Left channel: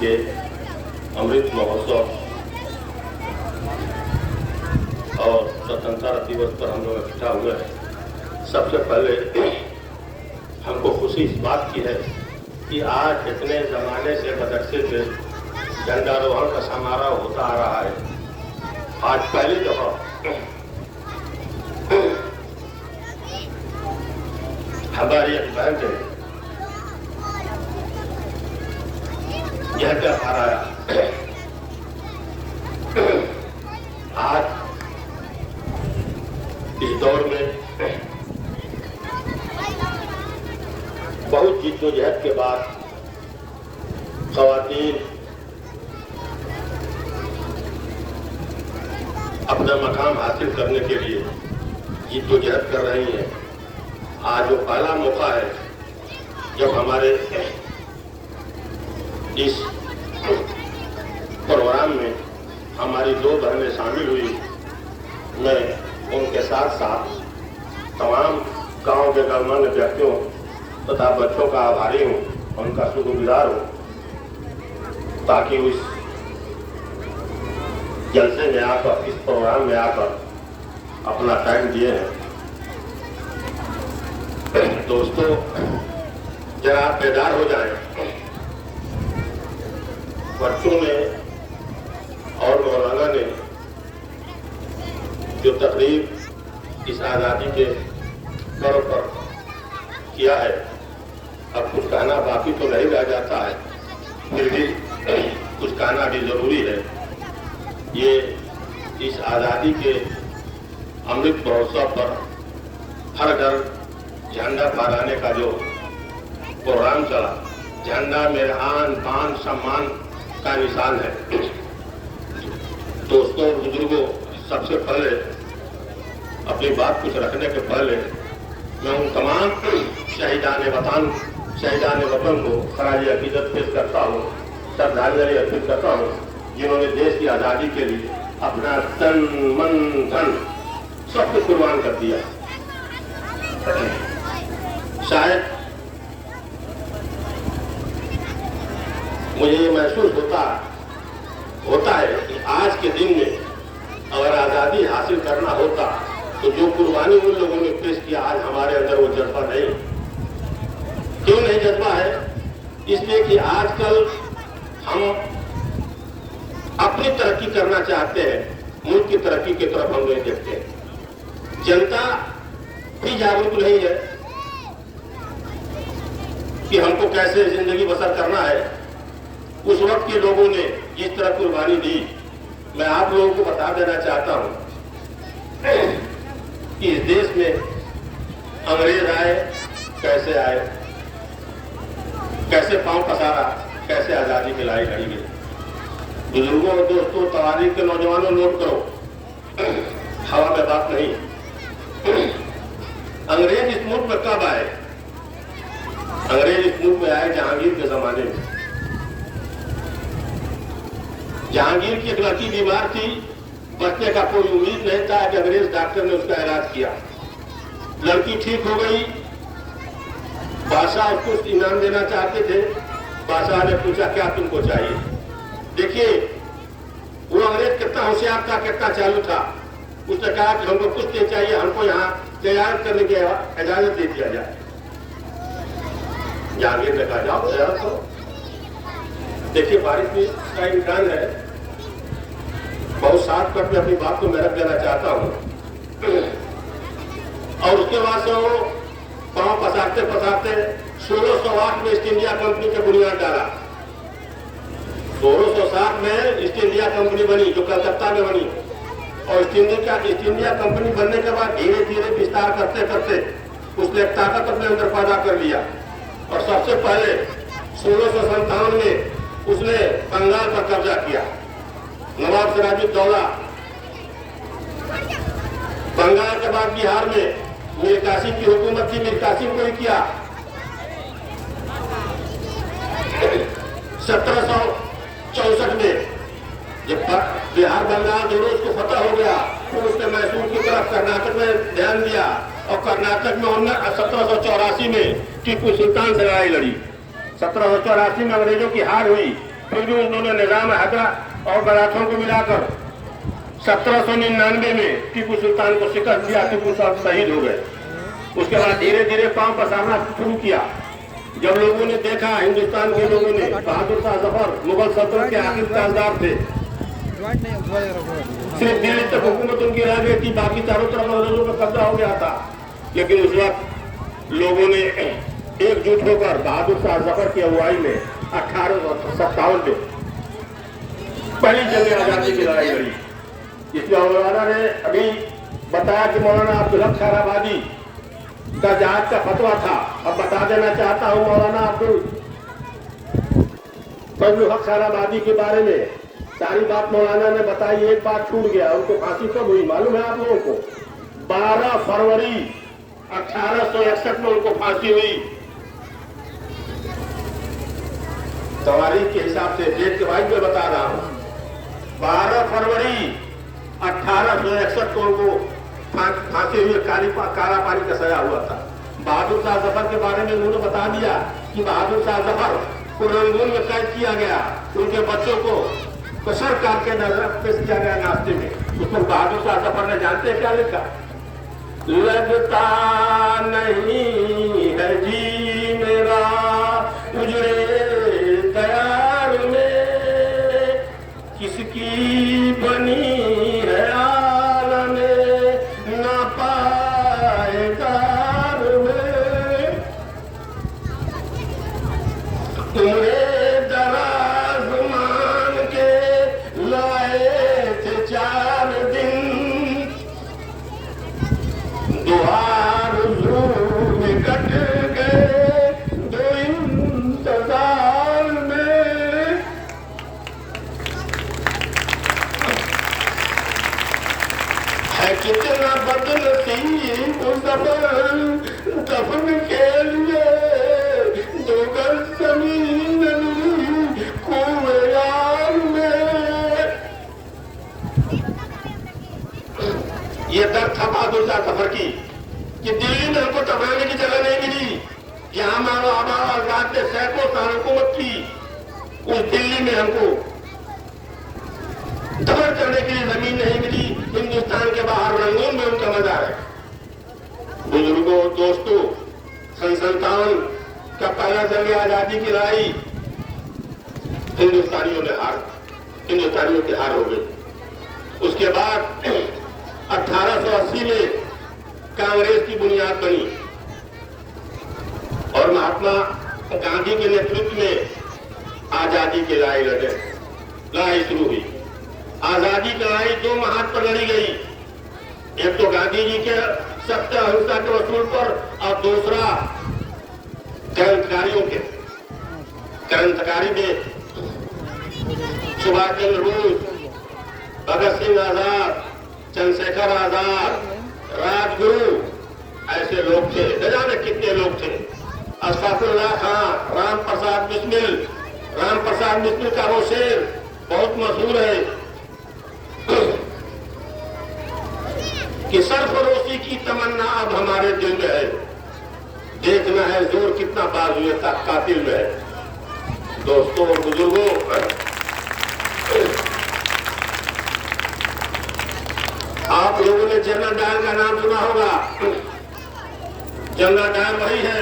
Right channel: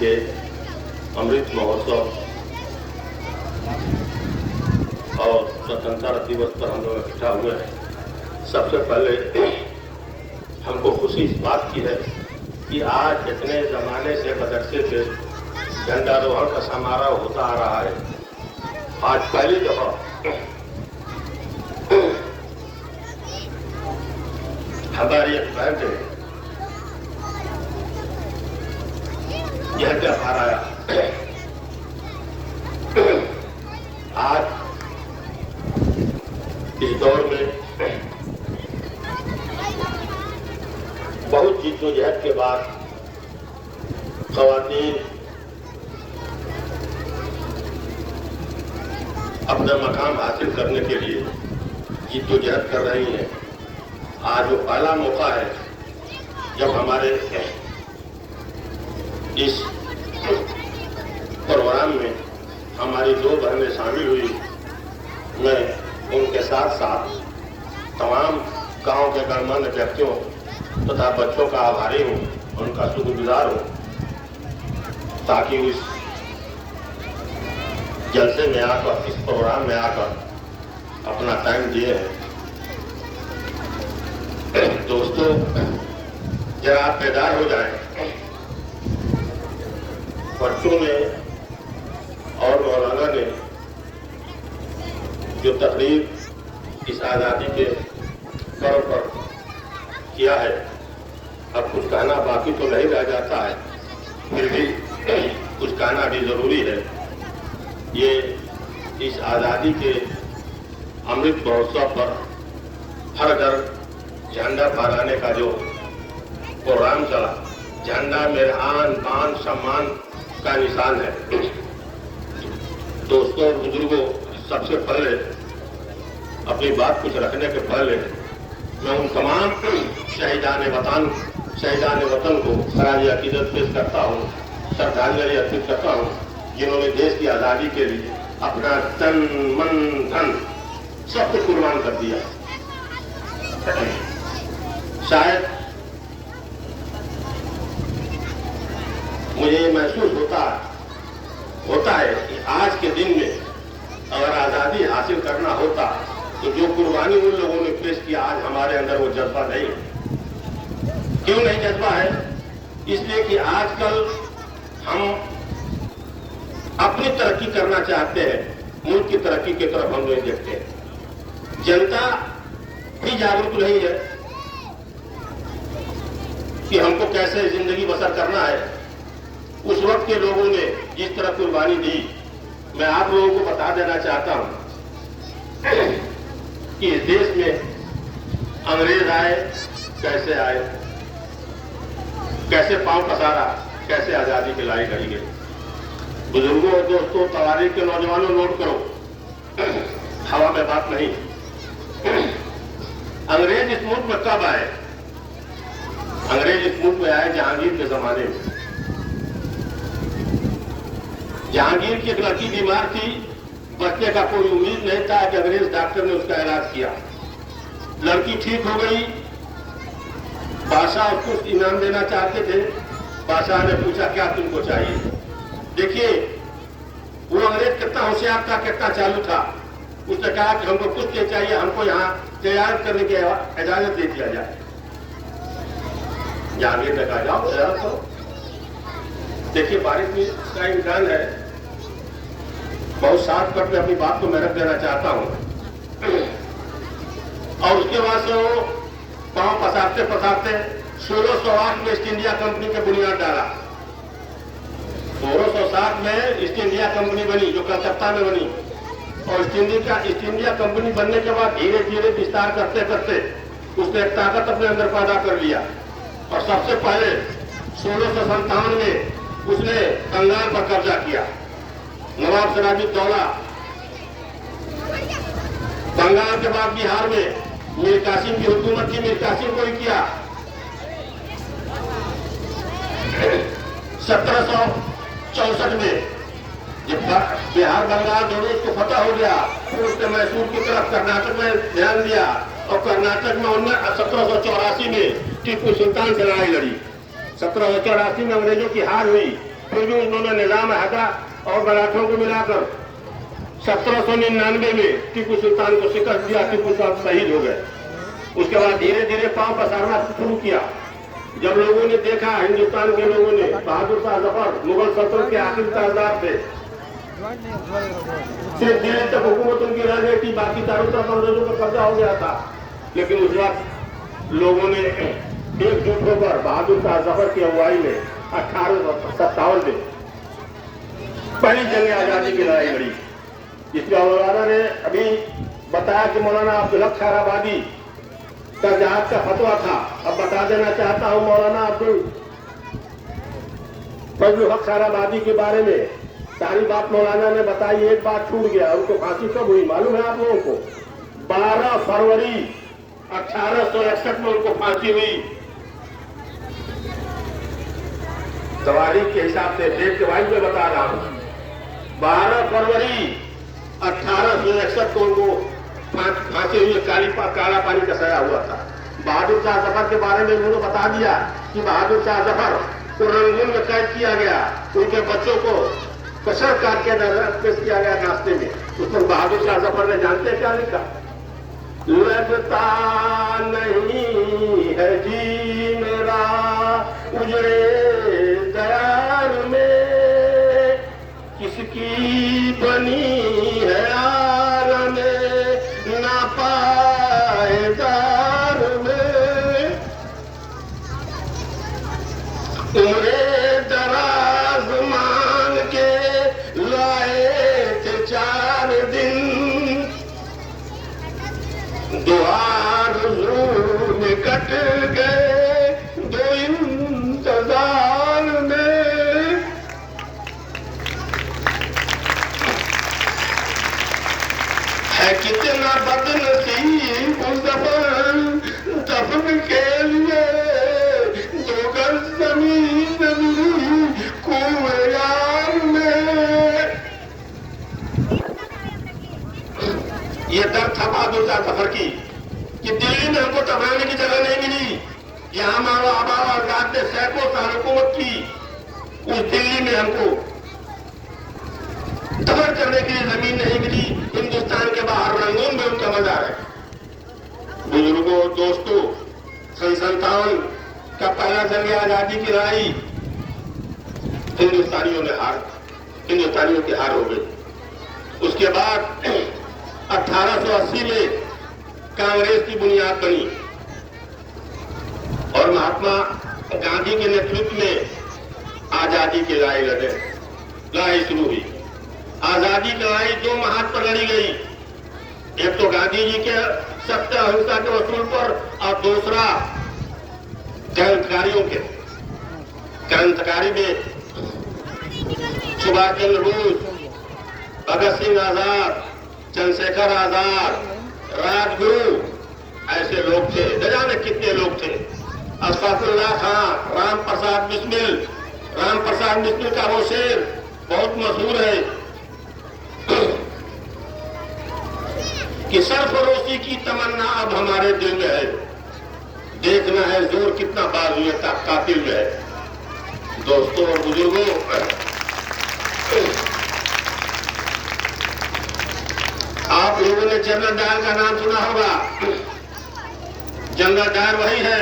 के अमृत महोत्सव और स्वतंत्रता दिवस पर हम लोग इकट्ठा हुए हैं। सबसे पहले हमको खुशी इस बात की है कि आज इतने जमाने से बदरसे से झंडारोहण का समारोह होता आ रहा है। आज पहली दफा हमारी एक बहन ने यह त्योहार आया। आज इस दौर में बहुत जिद्दोजहद के बाद ख़वातीन अपना मकाम हासिल करने के लिए जिद्दोजहद कर रही हैं। आज वो पहला मौका है जब हमारे इस प्रोग्राम में हमारी दो बहनें शामिल हुई। मैं उनके साथ साथ तमाम गांव के गणमान्य व्यक्तियों तथा बच्चों का आभारी हूँ, उनका शुक्रगुजार हूँ, ताकि इस जलसे में आकर, इस प्रोग्राम में आकर अपना टाइम दिए हैं। दोस्तों, जरा आप बेदार हो जाएं। बच्चों ने और मौलाना ने जो तकरीर इस आज़ादी के पर्व पर किया है, अब कुछ कहना बाकी तो नहीं रह जाता है, फिर भी कुछ कहना भी जरूरी है। ये इस आज़ादी के अमृत महोत्सव पर हर घर झंडा फहराने का जो प्रोग्राम चला, झंडा मेरा आन बान सम्मान का निशान है। दोस्तों, बुजुर्गों, सबसे पहले अपनी बात कुछ रखने के पहले मैं उन तमाम शहीदान वतन को खराज अकीदत पेश करता हूँ, श्रद्धांजलि अर्पित करता हूँ, जिन्होंने देश की आज़ादी के लिए अपना तन मन धन सब कुछ कुर्बान कर दिया। शायद मुझे ये महसूस होता है कि आज के दिन में अगर आज़ादी हासिल करना होता तो जो कुर्बानी उन लोगों ने पेश किया, आज हमारे अंदर वो जज्बा नहीं। क्यों नहीं जज्बा है? इसलिए कि आजकल हम अपनी तरक्की करना चाहते हैं, मुल्क की तरक्की की तरफ हम नहीं देखते हैं। जनता भी जागरूक नहीं है कि हमको कैसे जिंदगी बसर करना है। उस वक्त के लोगों ने जिस तरह कुर्बानी दी, मैं आप लोगों को बता देना चाहता हूं कि इस देश में अंग्रेज आए, कैसे आए, कैसे पांव पसारा, कैसे आजादी की लड़ाई लड़ी गई। बुजुर्गों और दोस्तों, तवारीख के नौजवानों, नोट करो, हवा में बात नहीं। अंग्रेज इस मुल्क में कब आए? अंग्रेज इस मुल्क में आए जहांगीर के जमाने में। जहांगीर की एक लड़की बीमार थी, बचने का कोई उम्मीद नहीं था कि अंग्रेज डॉक्टर ने उसका इलाज किया। लड़की ठीक हो गई। बादशाह उसको इनाम देना चाहते थे। बादशाह ने पूछा, क्या तुमको चाहिए? देखिए, वो अंग्रेज कितना होशियार था, कितना चालू था। उसने कहा कि हमको कुछ नहीं चाहिए, हमको यहाँ तैयार करने की इजाजत दे दिया जाए। जहांगीर ने कहा, जाओ तैयार करो। देखिए, बारिश का इम्कान है, बहुत शॉर्टकट में अपनी बात को मैं रख देना चाहता हूँ। और उसके बाद से वो पांव पसारते 1608 में ईस्ट इंडिया कंपनी की बुनियाद डाला। 1660 में ईस्ट इंडिया कंपनी बनी, जो कलकत्ता में बनी। और ईस्ट इंडिया कंपनी बनने के बाद धीरे धीरे विस्तार करते करते उसने एक ताकत अपने अंदर पैदा कर लिया। और सबसे पहले 1657 में उसने बंगाल पर कब्जा किया। नवाब सिराजुद्दौला। बंगाल के बाद बिहार में मीर कासिम की हुकूमत थी, मीर कासिम को ही किया। 1764 में जब बिहार बंगाल दोनों उसको फतह हो गया, फिर उसने मैसूर की तरफ कर्नाटक में ध्यान दिया। और कर्नाटक में 1784 में टीपू सुल्तान से लड़ाई लड़ी। 1784 में अंग्रेजों की हार हुई फिर भी उन्होंने निजाम हैदरा और मराठों को मिलाकर 1799 में टीपू सुल्तान को शिकस्त दिया। टीपू साहब शहीद हो गए। उसके बाद धीरे धीरे पांव पसारना शुरू किया। जब लोगों ने देखा, हिंदुस्तान के लोगों ने, बहादुर शाह जफर मुगल सल्तनत के आखिरी ताजदार थे, सिर्फ दिल्ली तक हुकूमत उनकी रह गई थी, बाकी चारों तरफ अंग्रेजों का कब्जा हो गया था। लेकिन उस वक्त लोगों ने एकजुट होकर बहादुर शाह जफर की अगुवाई में 1857 में पहली जंग आजादी की लड़ाई लड़ी। जिसमें मौलाना ने अभी बताया कि मौलाना अब्दुल हक खैराबादी का जहाज का फतवा था। अब बता देना चाहता हूं मौलाना अब्दुल हक खैराबादी के बारे में सारी बात मौलाना ने बताई। एक बात छूट गया, उनको फांसी कब हुई मालूम है आप लोगों को? 12 फरवरी 1861 में उनको फांसी हुई। तवारीख के हिसाब से डेट के बाद मैं बता रहा हूं। 12 फरवरी 1861 को उनको फांसी हुई। काला पानी का सजा हुआ था। बहादुर शाह जफर के बारे में उन्होंने बता दिया कि बहादुर शाह जफर को रंगून में कैद किया गया। उनके बच्चों को कसर काट के नजर पेश किया गया रास्ते में। उसमें बहादुर शाह जफर ने जानते क्या लिखा? लगता नहीं है जी मेरा उजड़े दयार में, किसकी बनी है आल में ना पाएदार में, तुमरे दराज मान के लाए थे 4 दिन, द्वार में कट गए 2 इंतजार में। है कितना बदनसीब ज़फर दफन के लिए 2 गज ज़मीन कुएं यार में। ये दर्द था बहादुर शाह जफर की कि दिल्ली में हमको टकराने की जगह नहीं मिली। यहाँ हमारा आबाद ने सैकड़ों साल हुकूमत की, उस दिल्ली में हमको दफन करने के लिए जमीन नहीं मिली। हिंदुस्तान के बाहर रंगून में उनका मजार है। बुजुर्गों, दोस्तों, 57 का पहला जंग आजादी की लड़ाई हिंदुस्तानियों की हार हो गई। उसके बाद 1880 में कांग्रेस की बुनियाद बनी और महात्मा गांधी के नेतृत्व में आजादी की लड़ाई शुरू हुई। आजादी की लड़ाई 2 महाज पर लड़ी गई। एक तो गांधी जी के सत्य अहिंसा के वसूल पर और दूसरा क्रांतिकारी में सुभाष चंद्र बोस, भगत सिंह आजाद, चंद्रशेखर आजाद, राजगुरु, ऐसे लोग थे। न जाने कितने लोग थे। अशफाकुल्लाह खां, राम प्रसाद बिस्मिल का वो शेर बहुत मशहूर है कि सरफरोशी की तमन्ना अब हमारे दिल में है, देखना है जोर कितना बाजुए कातिल में है। दोस्तों और बुजुर्गों, आप लोगों ने जनरल डायर का नाम सुना होगा। जनरल डायर वही है।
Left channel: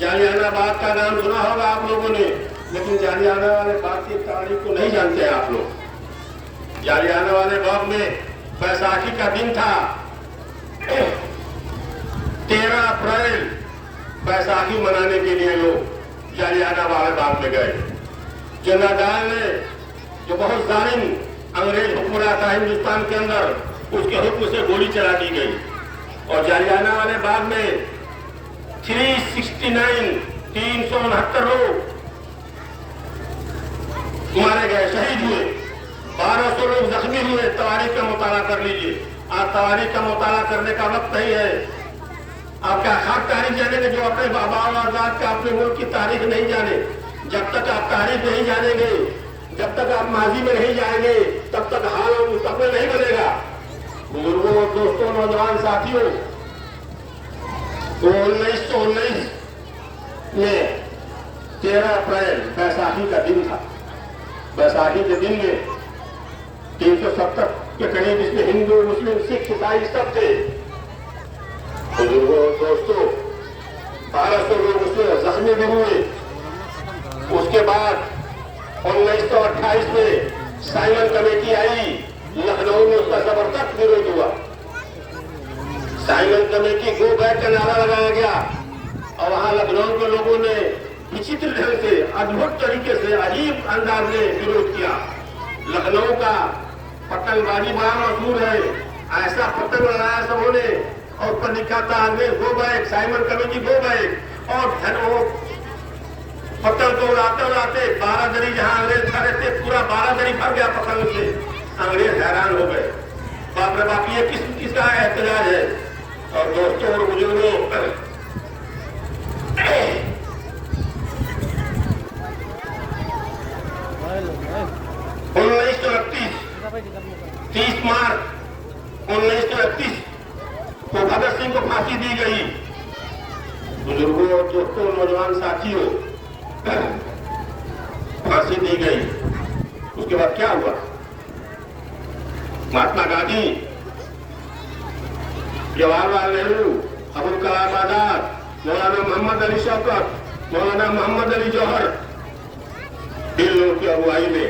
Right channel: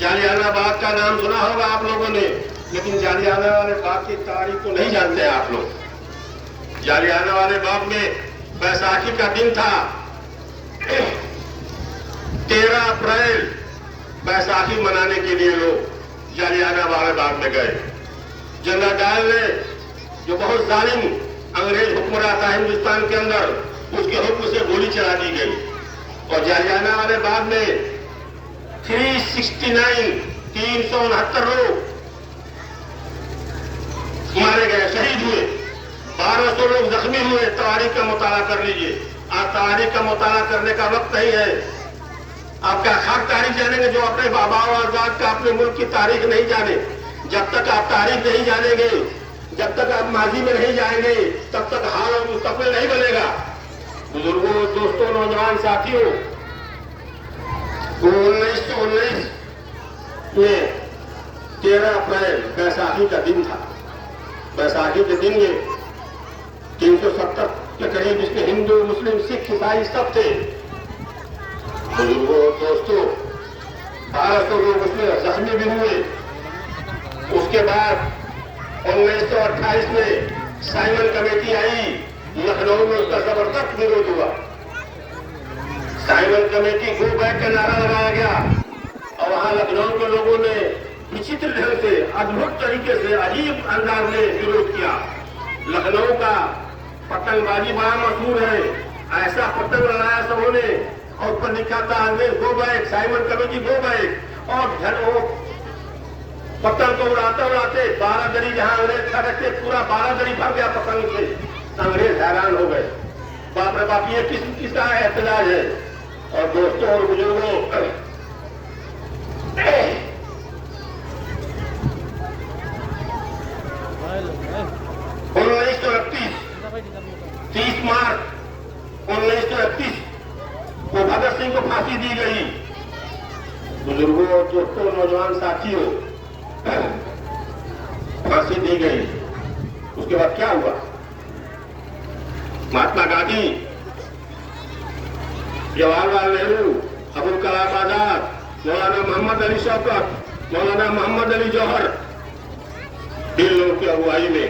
जालियाना बाग का नाम सुना होगा आप लोगों ने, लेकिन जालियाना वाले बाग की तारीख को नहीं जानते हैं आप लोग। जालियाना वाले बाग में बैसाखी का दिन था। 13 अप्रैल बैसाखी मनाने के लिए लोग जालियाना वाले बाग में गए। जनरल डायर ने, जो बहुत जालिम अंग्रेज हुक्मरान था हिंदुस्तान के अंदर, उसके हुक्म से गोली चला दी गई और जालियाना वाले बाग में 369 लोग मारे गए, शहीद हुए। 1200 लोग जख्मी हुए। तारीख का मुताला कर लीजिए। आप तारीख का मुताला करने का वक्त नहीं है। आपका खाक तारीख जानेंगे जो अपने बाबा और आजाद का अपने मुल्क की तारीख नहीं जाने। जब तक आप तारीख नहीं जानेंगे, जब तक आप माजी में नहीं जाएंगे, तब तक हाल और मुस्तकबिल नहीं बनेगा। बुजुर्गों, दोस्तों, नौजवान साथियों, 1919 में 13 अप्रैल बैसाखी का दिन था। बैसाखी के दिन में 370 के करीब इसमें हिंदू, मुस्लिम, सिख, ईसाई सब थे। बुजुर्गों, दोस्तों, 1200 लोग उसमें जख्मी भी हुए। उसके बाद 1928 में साइमन कमेटी आई, लखनऊ में उसका जबरदस्त विरोध हुआ। साइमन कमेटी गो बैक का नारा लगाया गया और वहां लखनऊ के लोगों ने विचित्र ढंग से, अद्भुत तरीके से, अजीब अंदाज में विरोध किया। लखनऊ का पतंगबाजी बड़ा मशहूर है, ऐसा पतंग लगाया सबों ने और ऊपर लिखा था अंग्रेज go back, Simon committee go back. और पतंग को उड़ाते उड़ाते 12 दरी जहां अंग्रेज खड़े थे, पूरा 12 दरी भर गया पतंग से। अंग्रेज हैरान हो गए, बाप रे बाप, ये किसका एहतजाज है। और दोस्तों और बुजुर्गों, 30 मार्च 1931 को भगत सिंह को फांसी दी गई। बुजुर्गों, दोस्तों, नौजवान साथियों, फांसी दी गई। उसके बाद क्या हुआ? महात्मा गांधी, जवाहरलाल नेहरू, अबुल कलाम आजाद, मौलाना मोहम्मद अली शौकत, मौलाना मोहम्मद अली जौहर, इन लोगों की अगुवाई में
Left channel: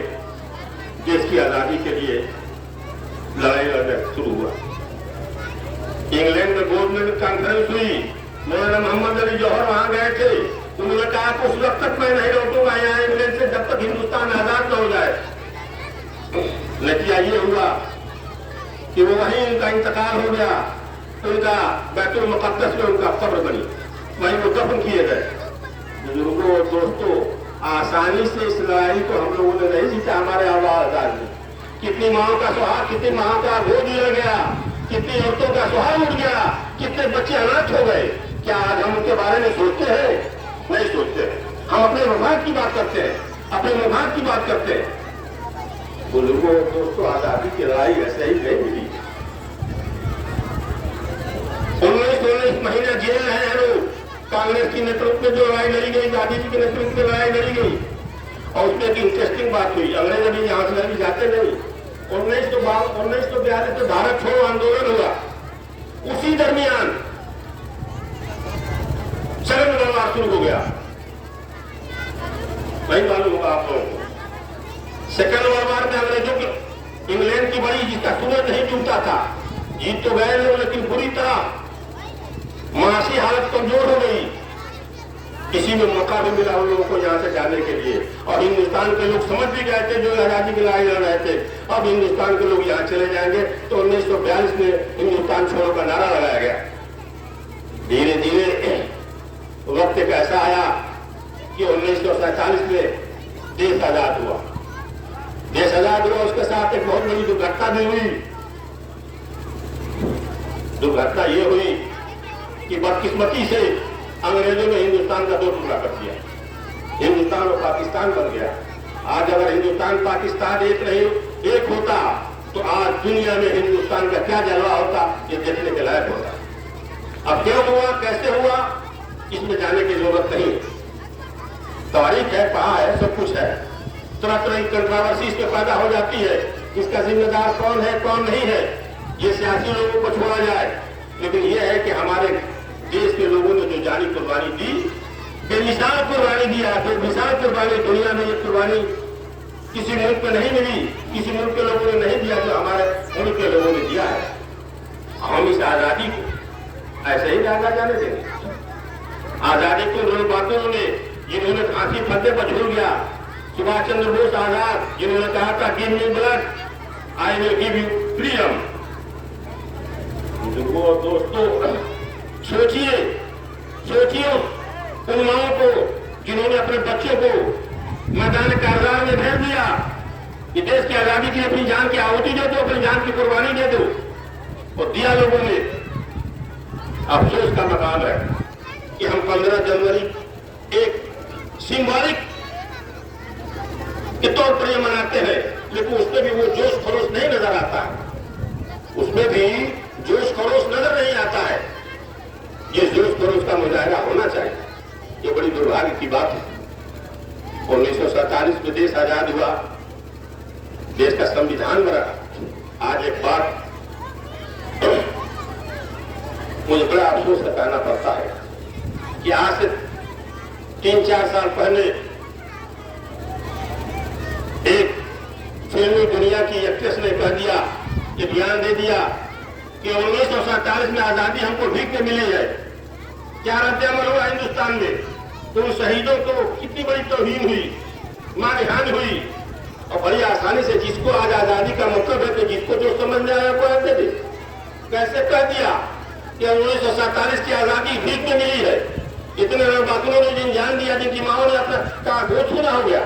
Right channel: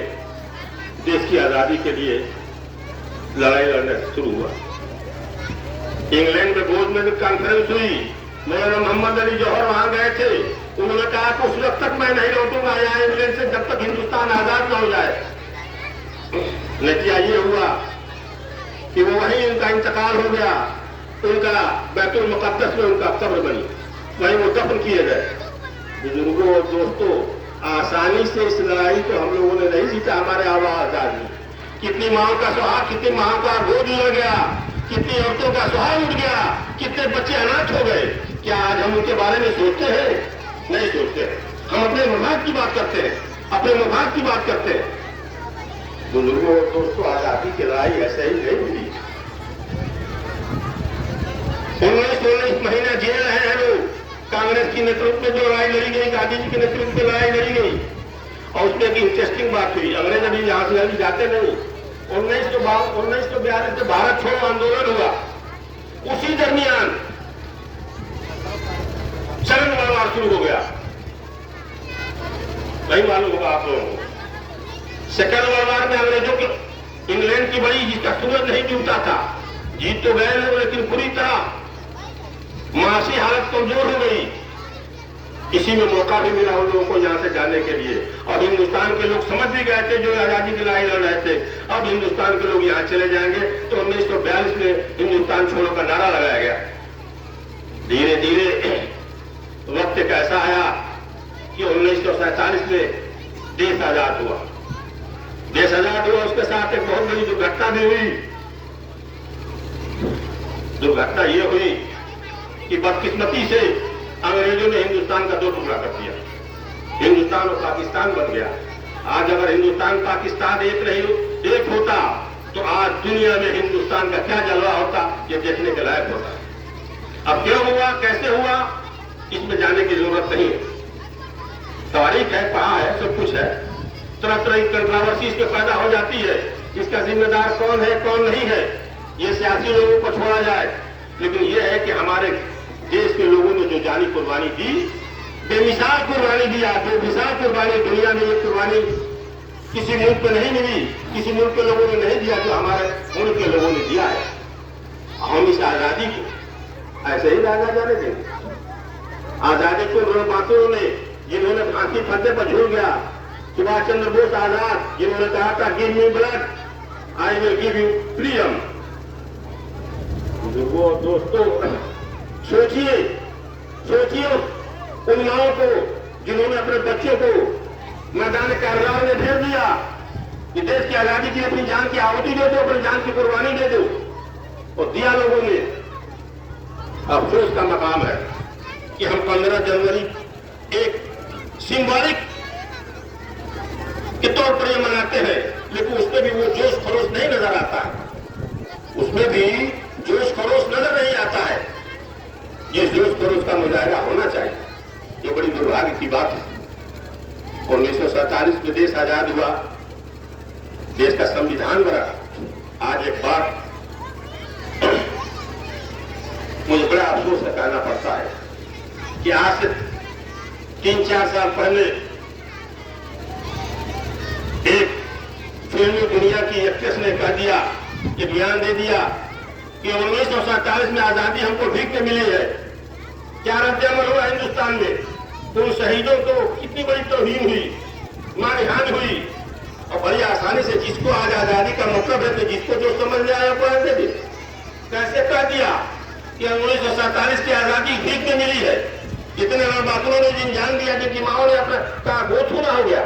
देश की आजादी के लिए लड़ाई लड़ना शुरू हुआ। इंग्लैंड में बोर्ड में कॉन्फ्रेंस हुई, मौलाना मोहम्मद अली जौहर वहां गए थे। उन्होंने कहा कि उस वक्त तक मैं नहीं लौटूंगा यहाँ इंग्लैंड से जब तक हिंदुस्तान आजाद न हो जाए। नतीजा ये हुआ कि वो वहीं उनका इंतकाल हो गया। उनका बैतुल मुक़द्दस में उनका कब्र बनी, वहीं वो दफन किए गए। बुजुर्गों और दोस्तों, आसानी से इस लड़ाई को हम लोगों ने नहीं जीता। हमारे आजाद में कितनी माओ का सुहाग, कितनी माओ का गोद लड़ गया, कितनी औरतों का सुहाग उठ गया, कितने बच्चे अनाथ हो गए। क्या आज हम उनके बारे में सोचते हैं? नहीं सोचते। हम अपने मफाद की बात करते हैं, अपने मफाद की बात करते हैं। बुजुर्गों और दोस्तों, आजादी की लड़ाई ऐसे ही नहीं मिली। 19 महीना जेल है लोग। कांग्रेस की नेतृत्व में जो लड़ाई लड़ी गई, गांधी जी के नेतृत्व में लड़ाई लड़ी गई। और उसमें एक इंटरेस्टिंग बात हुई, अंग्रेज अभी यहां से अभी जाते नहीं। 1942 से भारत छोड़ो आंदोलन हुआ, उसी दरमियान चरण व्यवहार शुरू हो गया। वही मालूम होगा आप लोगों को। सेकंड वर्ल्ड वॉर में अंग्रेजों के इंग्लैंड की बड़ी जिसका सूरज नहीं टूटा था, जीत तो गए लोग लेकिन पूरी तरह मानसिक हालत कमजोर हो गई। किसी में मौका भी मिला उन लोगों को यहाँ से जाने के लिए। और हिंदुस्तान के लोग समझ भी गए थे, जो आजादी की लड़ाई लड़ रहे थे, अब हिंदुस्तान के लोग यहाँ चले जाएंगे। तो 1942 में हिंदुस्तान छोड़ो का नारा लगाया गया। धीरे धीरे वक्त एक ऐसा आया कि 1947 में देश आजाद हुआ। देश आजाद हुआ, उसके साथ एक बहुत बड़ी दुर्घटना भी हुई। दुर्घटना ये हुई कि बदकिस्मती से अंग्रेजों ने हिंदुस्तान का दो टुकड़ा कर दिया। हिंदुस्तान और पाकिस्तान बन गया। आज अगर हिंदुस्तान पाकिस्तान एक होता तो आज दुनिया में हिंदुस्तान का क्या जलवा होता, ये देखने के लायक होता। अब क्यों हुआ, कैसे हुआ, इसमें जाने की जरूरत नहीं। तारीख है, कहाँ है, सब कुछ है। तरह तरह की कंट्रोवर्सी इस पर पैदा हो जाती है। इसका जिम्मेदार कौन है, कौन नहीं है, ये सियासी लोगों को छोड़ा जाए। लेकिन यह है कि हमारे देश के लोगों ने जो जानी कुर्बानी दी, बेमिसाल कुर्बानी दिया। बेमिसाल कुर्बानी, दुनिया में ये कुर्बानी किसी मुल्क को नहीं मिली, किसी मुल्क के लोगों ने नहीं दिया, जो हमारे मुल्क के लोगों ने दिया है। हम इस आजादी को ऐसे ही लाना जाने देंगे। आजादी को उन बातों ने जिन्होंने फांसी फंदे पर झूल गया, सुभाष चंद्र बोस आजाद, जिन्होंने कहा था give me blood I will give you freedom. दोस्तों, सोचिए उन माओं को जिन्होंने अपने बच्चों को मैदान कारगिल में भेज दिया कि देश की आजादी के लिए अपनी जान की आहुति दे दो, अपनी जान की कुर्बानी दे दो, और दिया लोगों ने। अफसोस का मकाम है कि हम 15 जनवरी एक सिंबॉलिक के तौर पर ये मनाते हैं, लेकिन उसमें भी वो जोश खरोश नहीं नजर आता है। उसमें भी जोश खरोश नजर नहीं आता है। ये जोश खरोश का मुजाहरा होना चाहिए। ये बड़ी दुर्भाग्य की बात है। 1947 में देश आजाद हुआ, देश का संविधान बना। आज एक बात मुझे बड़ा अफसोस से कहना पड़ता है कि आज से 3-4 साल पहले एक फिल्मी दुनिया की एक्ट्रेस ने कह दिया, एक बयान दे दिया कि 1947 में आजादी हमको भीख में मिली है। क्या रद्द-ए-अमल हुआ हिंदुस्तान में? उन शहीदों को कितनी बड़ी तौहीन हुई, मानहानि हुई, और बड़ी आसानी से जिसको आज आजादी का मतलब है तो जिसको जो समझ में आया वो दे दे। कैसे कह दिया कि 1947 की आजादी भीख में मिली है? इतने बातों ने जिन जान दिया जिनकी माओ ने अपना का गोद खुला हो गया।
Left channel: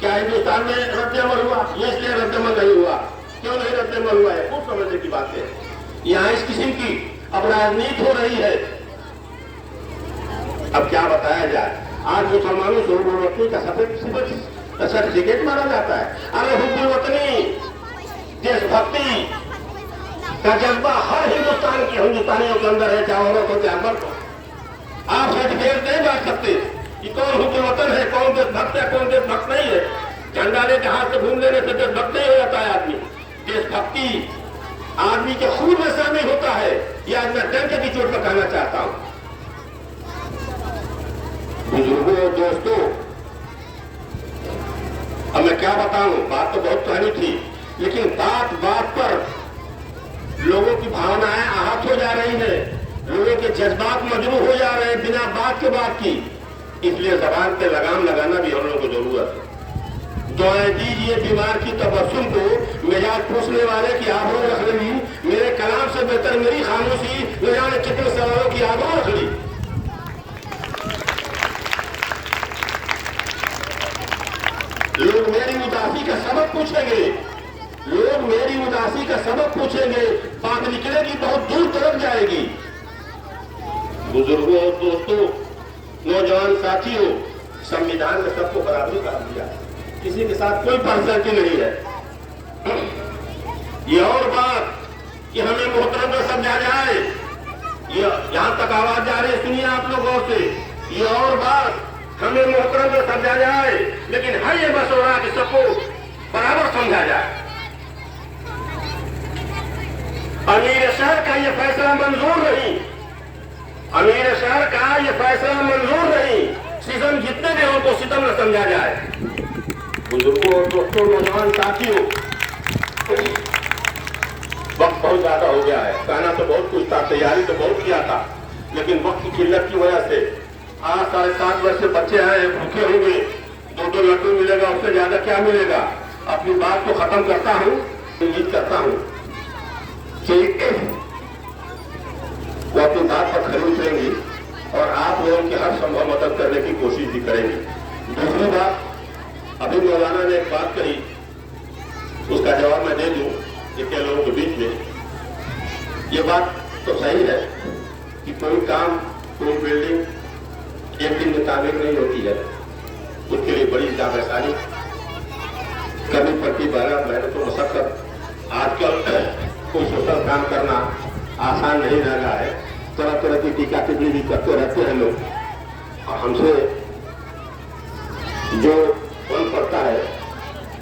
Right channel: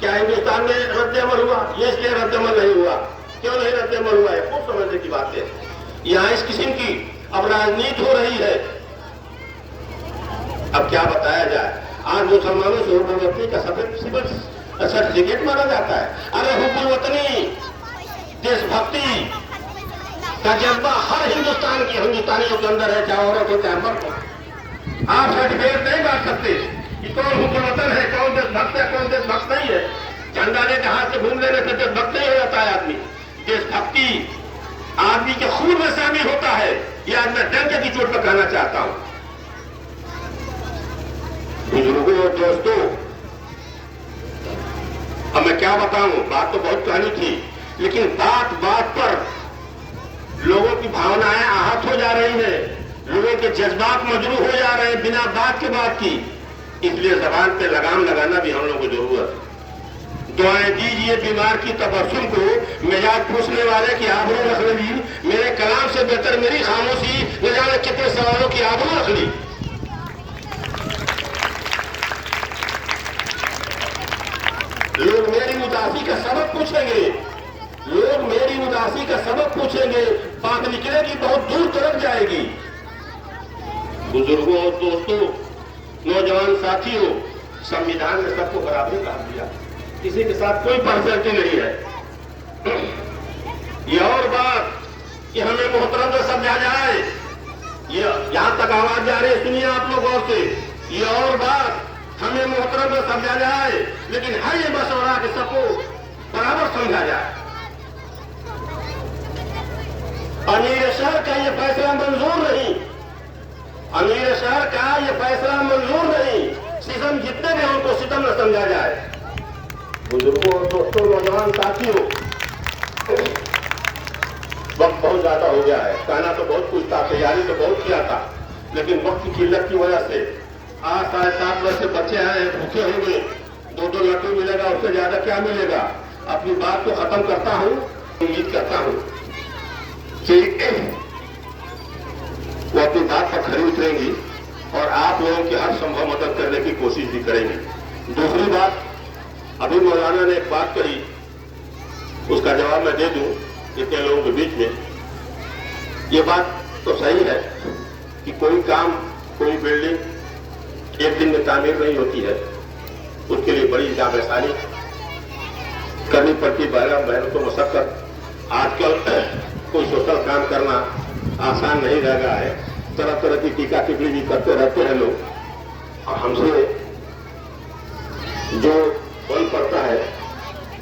क्या हिंदुस्तान में रद्द-ए-अमल हुआ? ये इसलिए रद्द-ए-अमल नहीं हुआ। क्यों नहीं रद्द-ए-अमल हुआ है? खूब समझने की बात है। यहाँ इस किस्म की अब राजनीति हो रही है। अब क्या बताया जाए? आज मुसलमानों से हुकूमती का सर्टिफिकेट माना जाता है। अरे हुकूमतनी देशभक्ति का जज्बा हर हिंदुस्तानियों के अंदर है, चाहे औरत हो चाहे मर्द हो। आप सर्टिफिकेट नहीं बांट सकते कि कौन हुकूमतन है, कौन देशभक्त है, कौन देशभक्त नहीं है। झंडा लेके हाथ से घूम लेने से देशभक्त नहीं हो जाता है आदमी। देशभक्ति आदमी के खून में शामिल होता है। यह मैं डंके की चोट पर कहना चाहता हूं। बुजुर्गों और दोस्तों, अब मैं क्या बताऊं, बात तो बहुत कहनी थी, लेकिन बात बात पर लोगों की भावनाएं आहत हो जा रही हैं, लोगों के जज्बात मजरूह हो जा रहे हैं बिना बात के बात की। इसलिए जबान पे लगाम लगाना भी हम लोगों को जरूरत है। दुआएं दीजिए बीमार की तबस्सुम को, मिजाज पूछने वाले की आबरू रख ली। मेरे कलाम से बेहतर मेरी खामोशी न जाने कितने सवालों की आबरू रख ली। लोग मेरी उदासी का सबक पूछेंगे, लोग मेरी उदासी का सबक पूछेंगे, बात निकलेगी बहुत दूर तक जाएगी। बुजुर्गों और दोस्तों, नौजवान साथियों, संविधान में सबको बराबरी कहा दिया, किसी के साथ कोई पार्शियलिटी नहीं है। ये और बात कि हमें मोहतरम को समझा जाए, ये यहां तक आवाज जा रही है, सुनिए आप लोग गौर से। ये और बात हमें मोहतरम को समझा जाए, लेकिन है ये मशवरा कि सबको बराबर समझा जाए। अमीर शहर का ये फैसला मंजूर नहीं, अमीर शहर का ये फैसला मंजूर नहीं। सितम जितने भी उनको सितम न समझा जाए। बुजुर्गों और दोस्तों, नौजवान साथियों, वक्त बहुत ज्यादा हो गया है। कहना तो बहुत कुछ था, तैयारी तो बहुत किया था, लेकिन वक्त की किल्लत की वजह से आज 7.5 वर्ष के बच्चे हैं, भूखे होंगे, 2-2 लड्डू मिलेगा, उससे ज्यादा क्या मिलेगा। अपनी बात को खत्म करता हूँ। उम्मीद करता हूँ कि वो अपनी बात पर खरी उतरेंगी और आप लोगों की हर संभव मदद करने की कोशिश भी करेंगी। दूसरी बात, अभी मौलाना ने एक बात कही, उसका जवाब मैं दे दूं इतने लोगों के बीच में। ये बात तो सही है कि कोई काम, कोई बिल्डिंग एक दिन में तामीर नहीं होती है, उसके लिए बड़ी जागरसानी करनी पड़ती है, बड़ा मेहनत तो मशक्कत। आजकल कोई सोशल काम करना आसान नहीं रह गया है, तरह तरह की टीका टिप्पणी भी करते रहते हैं लोग, और हमसे जो बन पड़ता है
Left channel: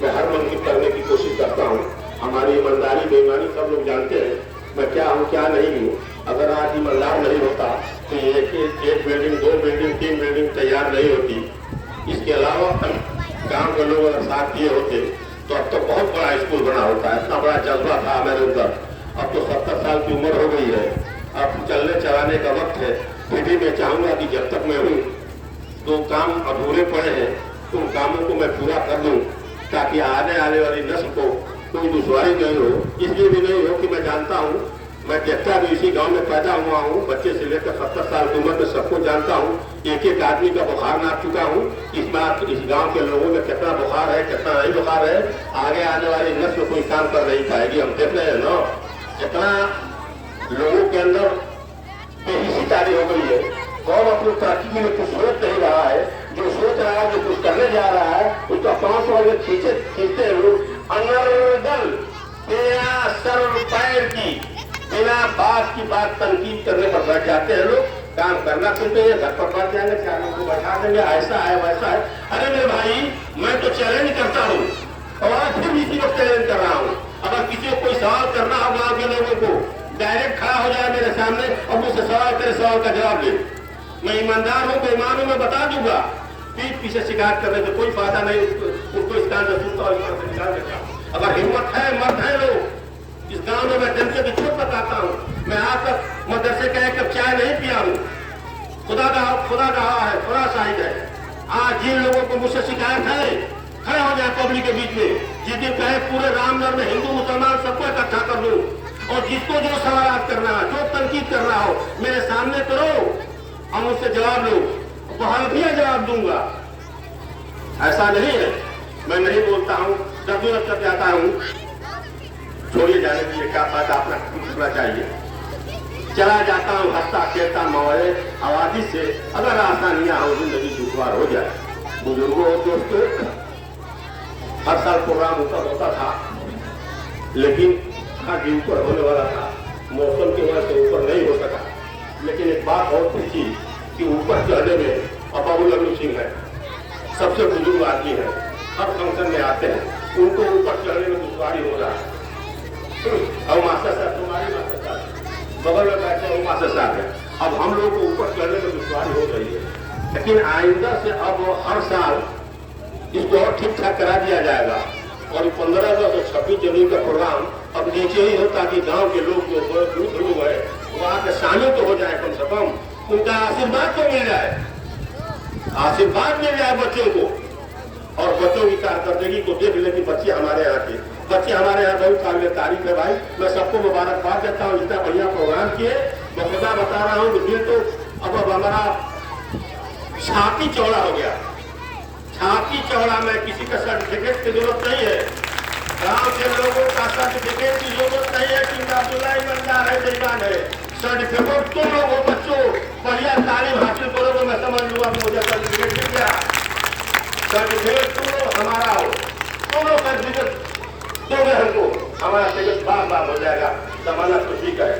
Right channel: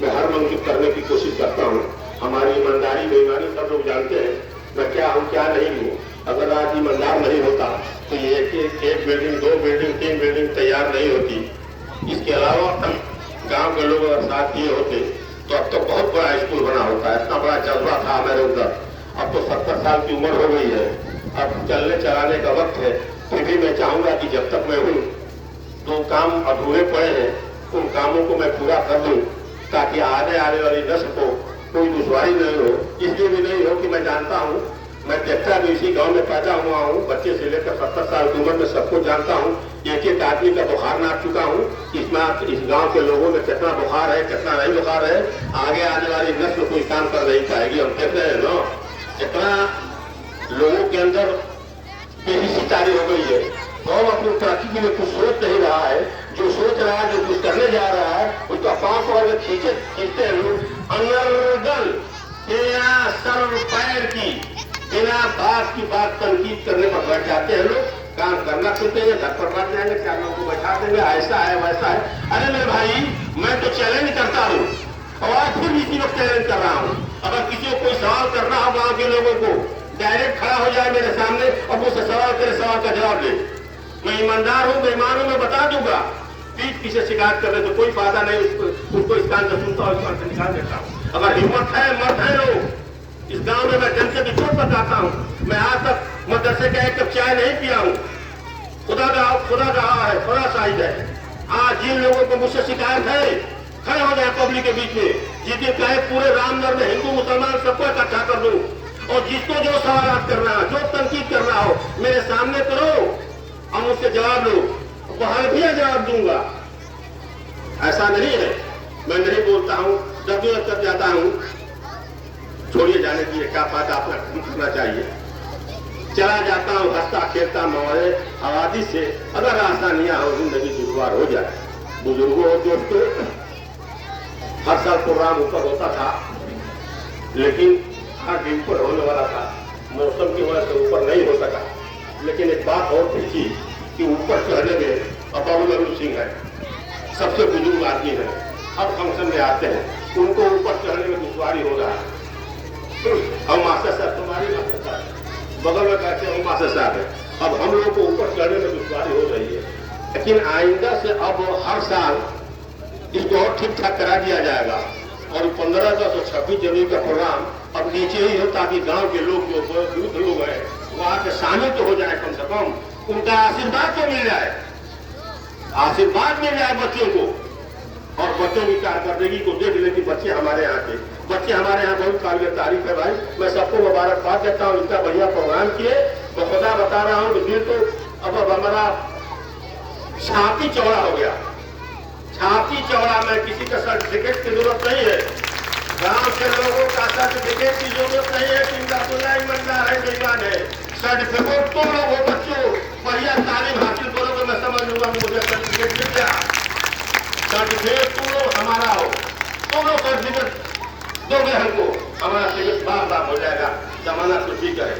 मैं हर मन की करने की कोशिश करता हूँ। हमारी ईमानदारी बेईमानी सब लोग जानते हैं, मैं क्या हूँ क्या नहीं हूँ। अगर आज ईमानदार नहीं होता तो ये एक बिल्डिंग, 2 बिल्डिंग, 3 बिल्डिंग तैयार नहीं होती। इसके अलावा गांव के लोग अगर साथ दिए होते तो अब तो बहुत बड़ा स्कूल बना होता है। इतना बड़ा जज्बा था मेरे अंदर। अब तो 70 साल की उम्र हो गई है, अब चलने चलाने का वक्त है। फिर भी मैं चाहूंगा कि जब तक मैं हूँ, जो काम अधूरे पड़े हैं उन कामों को मैं पूरा कर दूं, ताकि आने वाली नस्ल को कोई दुश्वारी नहीं हो। इसलिए भी नहीं हो कि मैं जानता हूँ, मैं देखता भी इसी गांव में पैदा हुआ हूँ, बच्चे से लेकर 70 साल की उम्र में सबको जानता हूँ। एक आदमी का बुखार नाप चुका हूँ। इस गांव के लोगों में कितना बुखार है, कितना नहीं बुखार है, आगे आने वाली नस्ल कोई काम कर नहीं पाएगी। हम देख रहे हैं ना, कितना लोगों के अंदर बेहिसी तारी हो गई है। कौन अपनी तरक्की के लिए कुछ सोच नहीं रहा है, जो सोच रहा है, जो कुछ करने जा रहा है, उसका 5 वाले खींचते हैं लोग। अनर्दल सर पैर की बिना बात की बात तनकीद करने पर बैठ जाते हैं लोग। काम करना चाहते हैं, घर पर बैठ जाएंगे, 4 लोगों को बैठा देंगे, ऐसा है वैसा है। अरे मेरे भाई, मैं तो चैलेंज करता हूँ और आज फिर भी इसी वक्त चैलेंज कर रहा हूँ, अगर किसी को कोई सवाल करना हो गाँव के लोगों को, डायरेक्ट खड़ा हो जाए मेरे सामने और मुझसे सवाल करे, सवाल का जवाब दे। मैं ईमानदार हूँ, बेईमान हूँ, मैं बता दूंगा। पीठ पीछे शिकायत करने से कोई फायदा नहीं, उसको स्थान से सुनता और स्थान से निकाल देता। अगर हिम्मत है, मर्द है लोग, इस गांव में मैं जनता की झूठ बताता हूँ। मैं आज तक मदरसे का एक कप चाय नहीं पिया हूँ। खुदा रहा है, खुदा शाहिद है। आज जिन लोगों को मुझसे शिकायत है, खड़ा हो जाए पब्लिक के बीच में, जिस दिन कहे पूरे रामनगर में हिंदू मुसलमान सबको इकट्ठा कर दूं, और जिसको जो सवाल करना, जो तनकीद करना हो, मेरे सामने करो और मुझसे जवाब लो, बहाल भी जवाब दूंगा। ऐसा नहीं है, मैं नहीं बोलता हूँ, जद्दोजहद कर जाता हूँ। छोड़िए जाने के लिए क्या बात अपना करना चाहिए। चला जाता हूँ हंसता खेलता मौजे आबादी से, अगर आसानियां हो, जिंदगी दुश्वार हो जाए। बुजुर्गों और दोस्तों, हर साल प्रोग्राम ऊपर होता था, लेकिन हर दिन ऊपर होने वाला था, मौसम की वजह से ऊपर नहीं हो सका। लेकिन एक बात और थी कि ऊपर चढ़ने में बाबूलाल सिंह है, सबसे बुजुर्ग आदमी है, हर फंक्शन में आते हैं, उनको ऊपर चढ़ने में दुश्वारी हो रहा है। और मास्टर साहब, तुम्हारी मास्टर साहब बगल में बैठे हो, मास्टर साहब है, अब हम लोग को ऊपर चढ़ने में दुश्वारी हो रही है। लेकिन आइंदा से अब हर साल इसको और ठीक ठाक करा दिया जाएगा, और 15 अगस्त और 26 जनवरी का प्रोग्राम अब नीचे ही हो, ताकि गांव के लोग जो वृद्ध लोग हैं वहाँ के शामिल तो हो जाए, कम से कम उनका आशीर्वाद तो मिल जाए, आशीर्वाद मिल जाए बच्चों को। और बच्चों की कारकर्दगी को देख ले कि बच्चे हमारे यहाँ के, बच्चे हमारे यहाँ बहुत काबिल तारीफ है भाई। मैं सबको मुबारकबाद देता हूँ, इतना बढ़िया प्रोग्राम किए। मैं सदा बता रहा हूँ कि दिल तो अब हमारा छाती चौड़ा हो गया, छाती चौड़ा में किसी का सर्टिफिकेट की जरूरत नहीं है, गांव के लोगों का सर्टिफिकेट की जरूरत नहीं है कि उनका अब्दुल्ला ईमानदार है, बेईमान है। सर्टिफिकेट तो लोगों बच्चों बढ़िया तालीम हासिल करो तो मैं समझ लूंगा कि मुझे सर्टिफिकेट मिल गया। सर्टिफिकेट तो हमारा हो, दोनों सर्टिफिकेट दोगे हमको, हमारा सर्टिफिकेट बार हो जाएगा, जमाना तो ठीक है,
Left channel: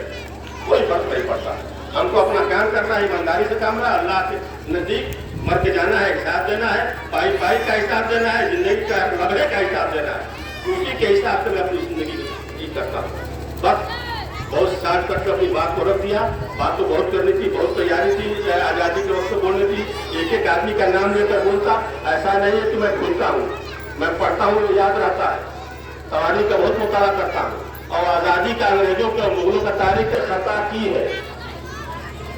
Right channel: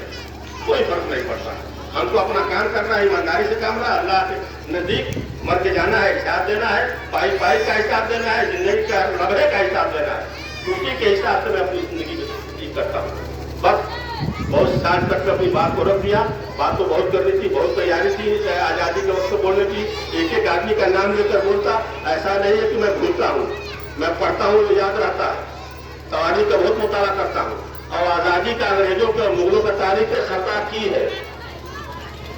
कोई फर्क नहीं पड़ता। हमको अपना काम करना है, ईमानदारी से काम रहा, अल्लाह के नजदीक मर के जाना है, हिसाब देना है, भाई का हिसाब देना है, जिंदगी का लम्हे का हिसाब देना है। उसी के हिसाब से मैं अपनी जिंदगी करता हूँ। बस बहुत साज करके अपनी बात को रख दिया। बात तो बहुत करनी थी, बहुत तैयारी थी, चाहे आजादी के वक्त बोलने की, एक एक आदमी का नाम लेकर बोलता। ऐसा नहीं है कि मैं भूलता हूँ, मैं पढ़ता हूँ, याद रहता है। तारीख का बहुत मुताला करता हूँ, और आजादी का, अंग्रेजों का, मुगलों का तारीख खता की है,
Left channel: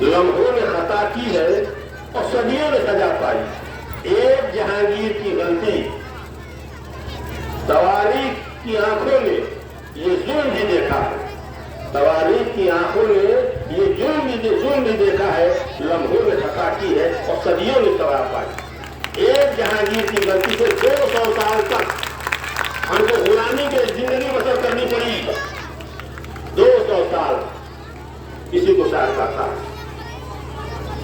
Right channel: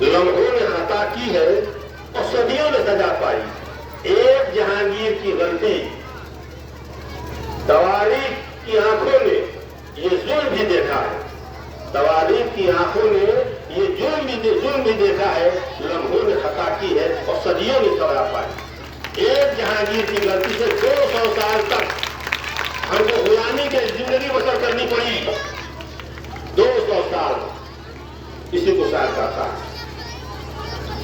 लम्हों ने खता की है और सदियों ने सजा पाई। एक जहांगीर की गलती, तवारीख की आंखों ने ये जुल्म भी देखा है, तवारीख की आंखों ने ये जुल्म भी देखा है, लम्हों ने खता की है और सदियों ने सजा पाई। एक जहांगीर की गलती से 200 साल तक हमको गुलामी की जिंदगी बसर करनी पड़ी। 200 साल किसी को शायद करता है,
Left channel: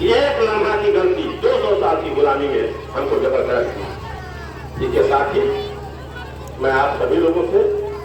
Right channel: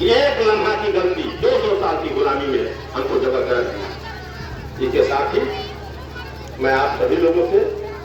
एक लम्हा की गलती 200 साल की गुलामी में हमको जबरदस्त। इसके साथ ही मैं आप सभी लोगों से